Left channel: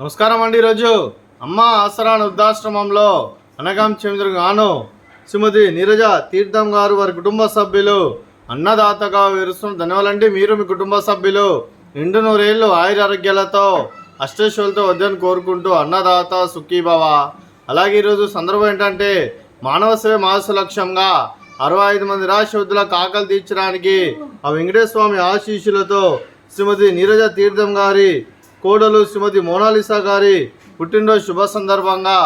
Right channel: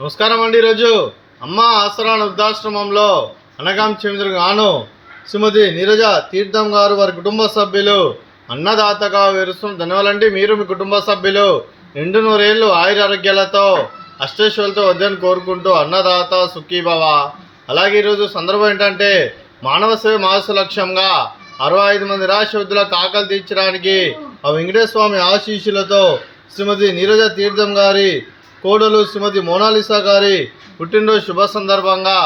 నమస్కారం అండి. ఈరోజు అమ్మ ఆసరా వృద్ధాశ్రమంలో అనగాం చెందుగాను శ్రీమతి నీరజ తీర్థం గారు వారి కుటుంబ సభ్యులు అన్నదాతగా విరుస్తున్న ధన్యవాదాలండి. మీరు మీ కుటుంబ సభ్యులు నిండు నూరేళ్ళు ఆయురారోగ్యాలతో అష్టైశ్వర్యాలతో వద్దని కోరుకుంటూ అన్నదాత సుఖీభవ. అలాగే ఈరోజు సందర్భం ఏంటంటే మానవ సేవ మానసు లక్ష్యంగా 65 మంది నిరాశ్రయులకు ఆకలి తీర్చడానికి ఆ వెంకటేశ్వర స్వామి ఆశీస్సులతో శ్రీమతి నీరజ తీర్థం గారి కోడలు శ్రీమతి మోనాలిసా గారి పుట్టినరోజు శుభ సందర్భంగా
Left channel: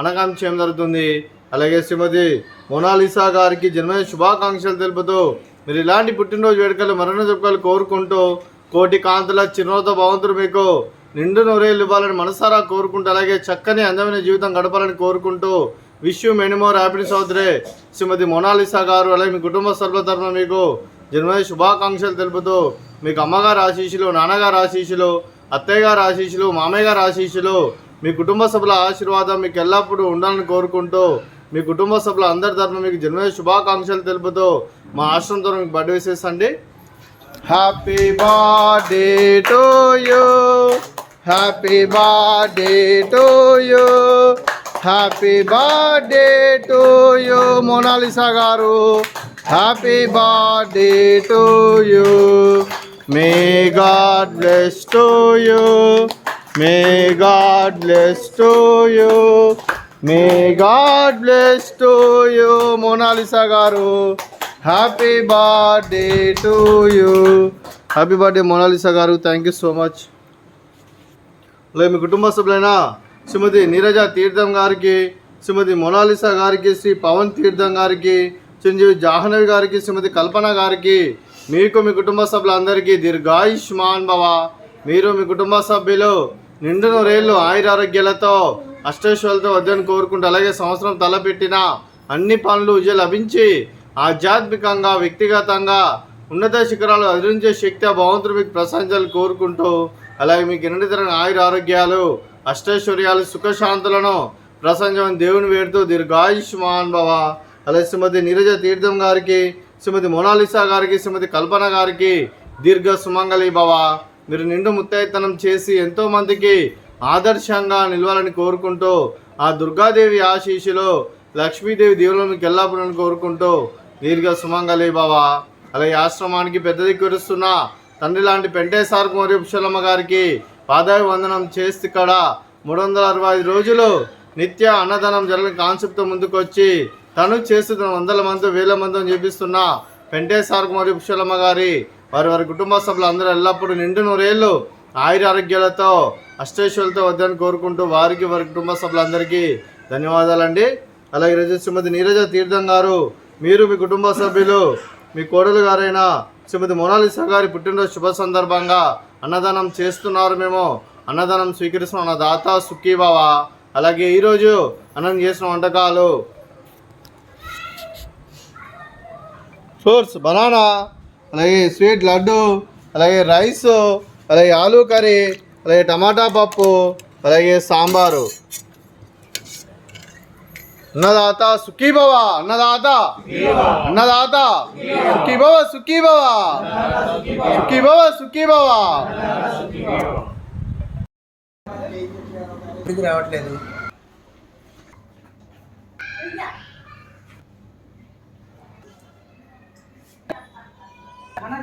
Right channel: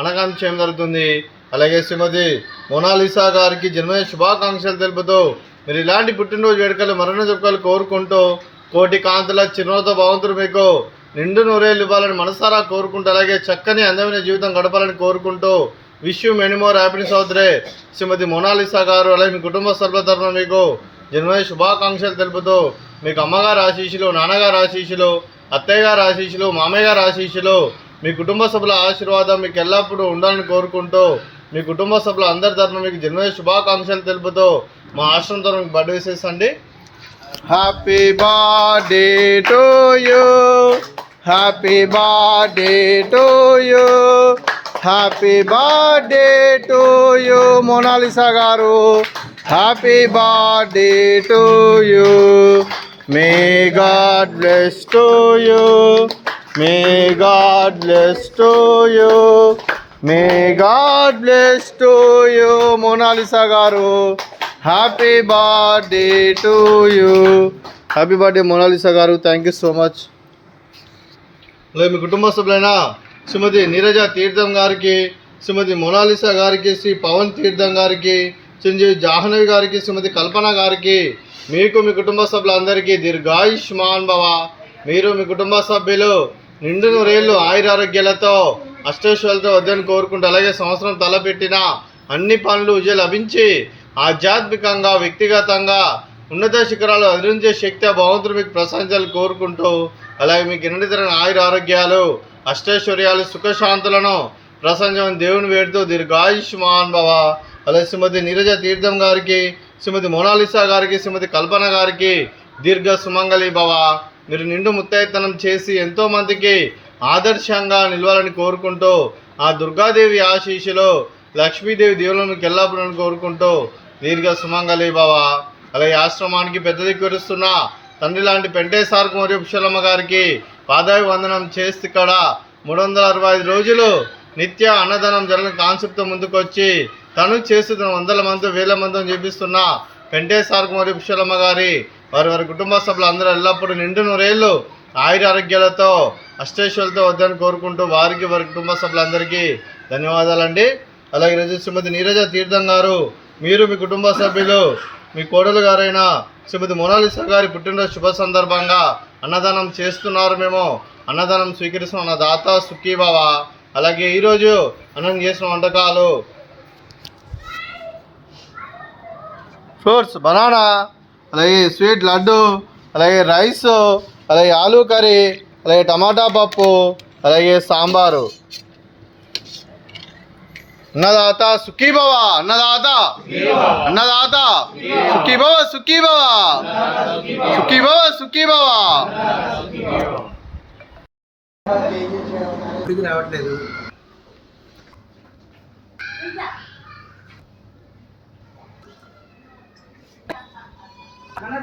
అనగాం చేయడం జరుగుతుంది. అలాగే శ్రీమతి మోనాలిసా గారికి జన్మదిన శుభాకాంక్షలు తెలుపుతూ మీరు ఇలాంటి పుట్టినరోజు వేడుకలు మరణ జరుపుకలు కోరుకుంటూ కోటి కాంతుల చిరునవ్వుతో భగవంతుడు మీకు నిండు నూరేళ్ళు ఇవ్వాలని మనసారా కోరుకుంటూ అలాగే చక్కని అందమైన జీవితం గడపాలని కోరుకుంటూ wish you many more happiness అవుతురే శ్రీమతి మోనాలిసా గారు. అలాగే మీ కుటుంబ సభ్యుల తరఫున మీకు జన్మదిన శుభాకాంక్షలు తెలుపుతూ మీకు అమ్మగారు ఆశీస్సులు, నాన్నగారు ఆశీస్సులు, అత్తయ్య గారు ఆశీస్సులు, మామయ్య గారు ఆశీస్సులు, మీ కుటుంబ సభ్యుల ఆశీర్వాదం మీకు ఎల్లప్పుడూ ఉండాలని కోరుకుంటూ మీ కుటుంబ సభ్యుల అందరి తరఫున మీకు జన్మదిన శుభాకాంక్షలు తెలుపుతూ మా ఆశ్రమం తరఫున మీకు బర్త్డే విషెస్ అండి. Happy birthday to you, happy birthday to you, happy birthday to you Monalisa garu, happy birthday to you. May God bless to you, may God bless to you, may God bless to you Monalisa garu, happy birthday to you. Happy birthday Monalisa garu, thank you so much. అలాగే మీ కుటుంబ సభ్యులైన శ్రీమతి నీరజ తీర్థం గారికి, శ్రీమతి Mona Lisa గారికి, శ్రీ పవన్ తీర్థం గారికి, చిరంజీవి జాహ్నవి గారికి, శ్రీమతి కల్పన గారికి, మీకు మీ కుటుంబ సభ్యులందరికీ దీర్ఘాయుష్మాన్ భవ. మీరు మీ కుటుంబ సభ్యులు నిండు నూరేళ్ళు ఆయురారోగ్యాలతో అష్టైశ్వర్యాలతో వద్దని కోరుకుంటూ అలాగే సంవత్సరం తలపెట్టిన అన్ని పనులు విజయం లభించి ఆధ్యాత్మికంగా వ్యక్తిగతంగా ఉన్నత శిఖరాలు అధిరించే శక్తి ఆ భగవంతుడు మీకు ప్రశంసలు కోరుకుంటూ అలాగే మీకు నిరంతరం ఆయురారోగ్యాలు అష్టైశ్వర్యాలు సుఖశాంతులను ప్రశంసమని దేవుని వేడుతూ దీర్ఘాయుష్మాన్ భవ. అలాగే శ్రీమతి నీరజ తీర్థం గారికి, శ్రీమతి మోనాలిసా గారికి, శ్రీమతి కల్పన గారికి దీర్ఘ సుమంగళి భవ. మీరు నిండు ముత్తైతనం చేసి ఎంతోమందికి ఆదర్శంగా నిలవాలని కోరుకుంటూ ఆ దుర్గాదేవి ఆశీస్సులో లక్ష్మీదేవి దేవులను మీకు ఎల్లప్పుడూ కోరుకుంటూ దీర్ఘ సుమంగళి భవ. అలాగే ఆశ్రమానికి పెద్ద దిక్కురుస్తున్న తండ్రి లాంటి పెంటేసార్కు మరియు పుష్పలమ్మ గారికి పాదావి వందనం చేస్తే ఇక్కడ 365 రోజులు నిత్య అన్నదానం జరగని కాన్సెప్ట్తో ముందుకొచ్చి తను చేస్తున్న 100 మంది 1000 మందిని చూపిస్తున్న పెంటేసార్కు మరియు పుష్పలమ్మ గారి వారి కుటుంబ సభ్యులు అందరూ ఎల్లప్పుడూ నిండు నూరేళ్ళు ఆయురారోగ్యాలతో అష్టైశ్వర్యాలతో వద్దని కోరుకుంటూ వారికి వారి కుటుంబ సభ్యులందరికీ ధన్యవాదాలండి. అలాగే ఈరోజు శ్రీమతి నీరజ తీర్థం గారు, మీరు మీ కుటుంబ సభ్యులు మీ కోడలు గారైన శ్రీమతి మోనాలిసా గారి పుట్టినరోజు శుభ సందర్భంగా అన్నదానం చేస్తున్నారు. మేము అన్నదానం స్వీకరిస్తున్న అన్నదాత సుఖీభవ. అలాగే ఈరోజు అన్నం చేసిన వంటకాలు ఫ్రూట్స్ బనానా, అలాగే స్వీట్ లడ్డు, అలాగే రైస్, అలాగే ఆలూ కర్రీ, అలాగే టమాటా పప్పు, అలాగే సాంబారు. అన్నదాత సుఖీభవ, అన్నదాత అన్నదాత సుఖీభవ, సుఖీభవ సుఖీభవ, సుఖీభవ. రావట్లేదు. అన్న